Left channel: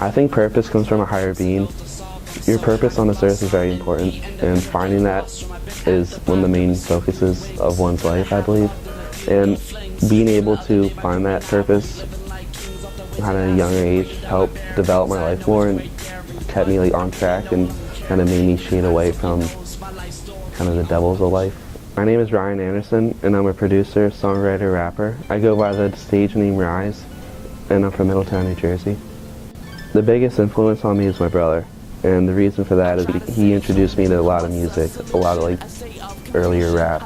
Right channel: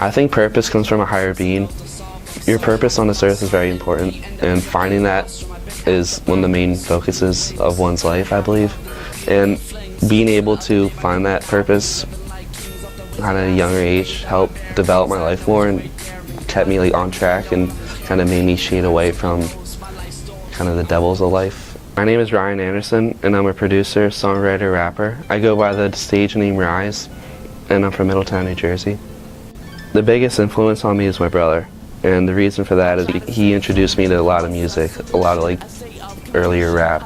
I think purpose comes from a higher being. Your purpose on this earth is very important, and finding that is one of the main focuses of one's life, I believe. And being able to find that purpose at a younger age helped develop my life more and kept me on track and kind of made me shade away from kind of the devils of life. My name is Ryan Anderson, and I'm a producer, songwriter, rapper. I go by the stage name RYSE, and I'm from Middletown, New Jersey. The biggest influence on me is my brother, and the reason for that is he introduced me to a lot of music, a lot of earlier rap.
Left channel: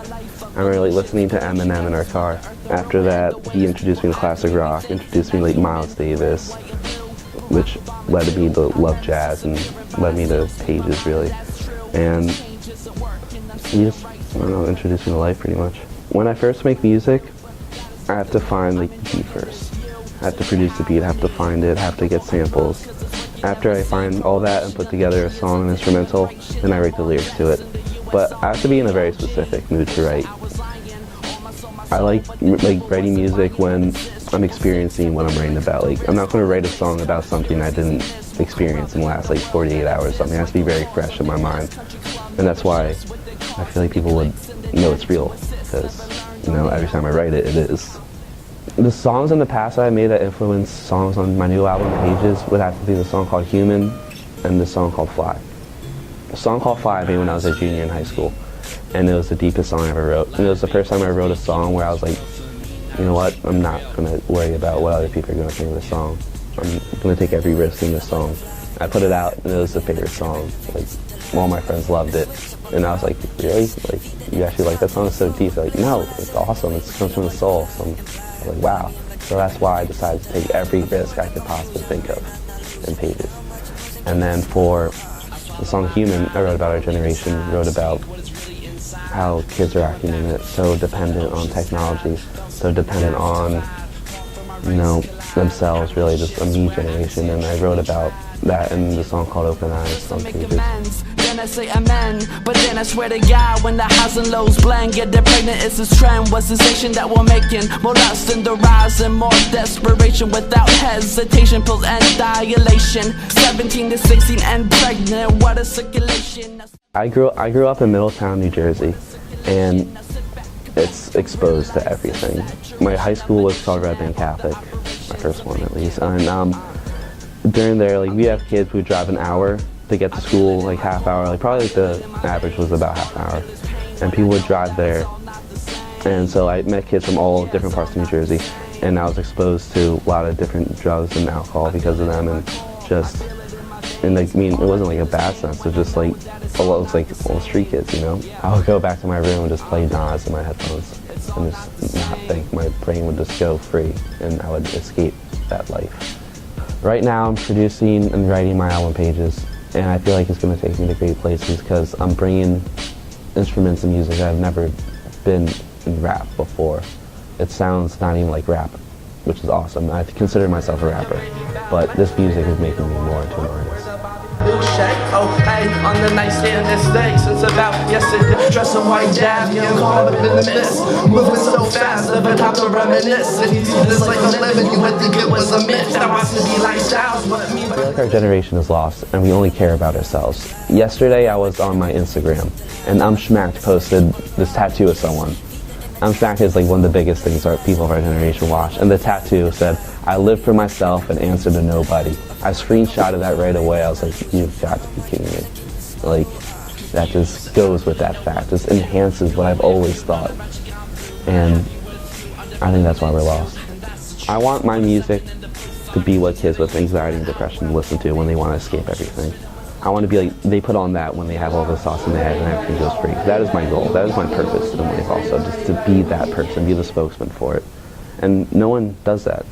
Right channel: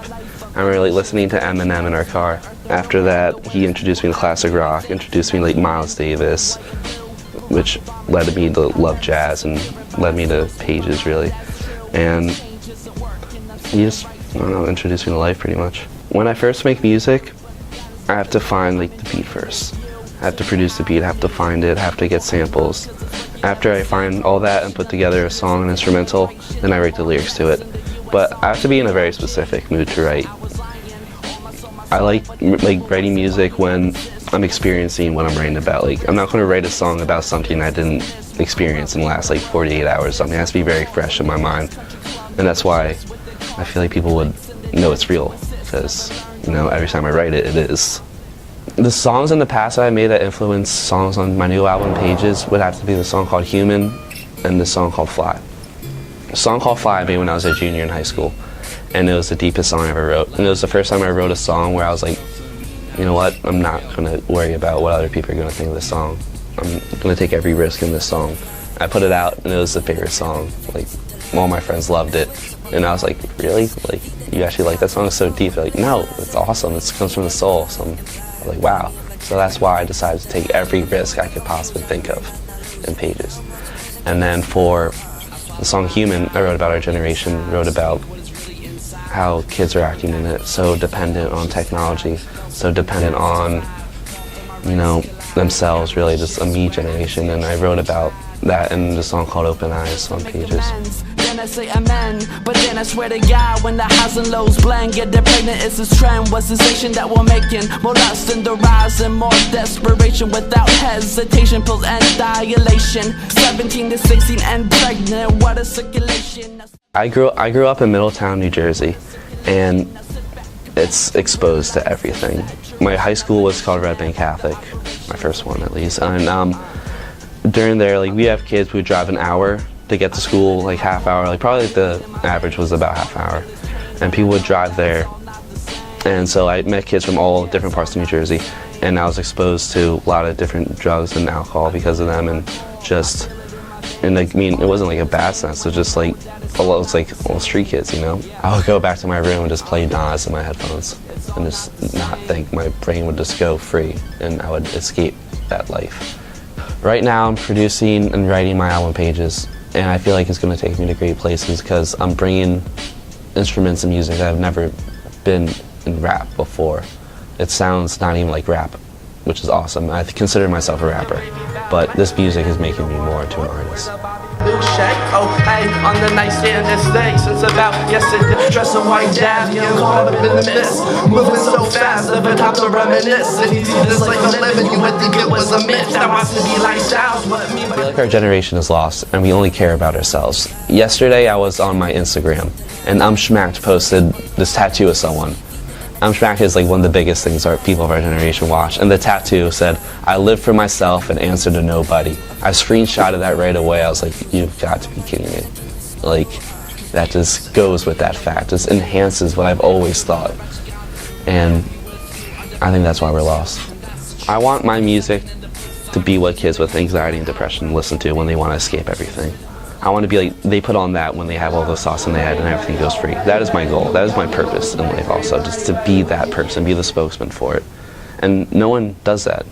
I remember listening to Eminem in our car. After that, he introduced me to classic rock, introduced me to Miles Davis, which led me to love jazz and led me to Pages, really. And he just, introduced me to life pretty much. When I first make music, I have to find the beat first. I have to produce the beat, I have to find it, I have to get samples. After I find all that and put together a song, an instrumental, then I write the lyrics to it. But I have to be in a very specific mood to write. I like writing music when I'm experiencing what I'm writing about. I'm not going to write a song about something I didn't experience in the last 48 hours. Something has to be very fresh in my mind. And that's why I feel like people would know it's real, because every time I write it, it is. The songs in the past that I made that influence songs on my new album Pages would have to be the song called Human and the song called Fly. The song called Fly I made when I was a junior in high school, and it was the deepest song I ever wrote. And it was the first time I wrote a song where I was like, you know what, I'm not going to worry about what other people are going to think of this song. I'm going to take every risk in this song. I put it out, and it was the favorite song. All my friends loved it, and I was like, really? You actually like that song? It's so deep. They're like, no, it's awesome. It comes from the soul. So I'm like, wow. So that's why I decided to take every risk I could possibly think of in Pages. And then for the song Human, I wrote about our generation, wrote about how kids are acting in it, so dependent on technology, so dependent on themselves, really, just a me generation, and I wrote about that in the song called Open Eyes. Then I say amen, but then I swear to God, when the highs and lows blend, get pregnant is this trend, was sensation that we're making, more lust in the rise and more desperation, without hesitation, pills and dilation, 17 to 16 and pregnant, what a circulation. I grew up in Middletown, New Jersey, and it's exposed to everything. My high school was called Red Bank Catholic, my first one at least. And during there, we have kids who drive an hour to get to school, half hour. Probably the average was about half an hour. And people would drive there. And so I met kids from all different parts of New Jersey, and I was exposed to a lot of different drugs and alcohol because of them, and it wasn't a bad sense, it was just all street kids, I would go back to my room and just play Nas in my headphones, and just not think, my brain would just go free, and I would escape that life. Right now I'm producing and writing my album Pages, and I feel like it's going to take me to great places because I'm bringing instruments and music that have never been in rap before. It sounds not even like rap, which is awesome. I consider myself a rapper, but this music is making me more to an artist. Oh, hey, on the nightstand this day since about yesterday. Dressing white dab, caught up in the mist. Moving so fast, never time to reminisce. And you see this like a living, you would think it was a myth. Now I to be lifestyles, what me. Our generation is lost, and we only care about ourselves. Yesterday I was on my Instagram, and Schmacked posted this tattoo of someone. Schmacked is one of the biggest things our people of our generation watch, and the tattoo said, "I live for myself and answer to nobody." I screenshotted that right away. I was like, you've got to be kidding me. That just goes with that fact. Just enhances what I've always thought. And I think that's why we're lost. I want my music to be what kids with anxiety and depression listen to when they want to escape everything. I want to be they put on that when they have all the sauce in their head and everything goes free. That is my goal. That is my purpose in life also, just to be that person, be the spokesman for it. And no one does that.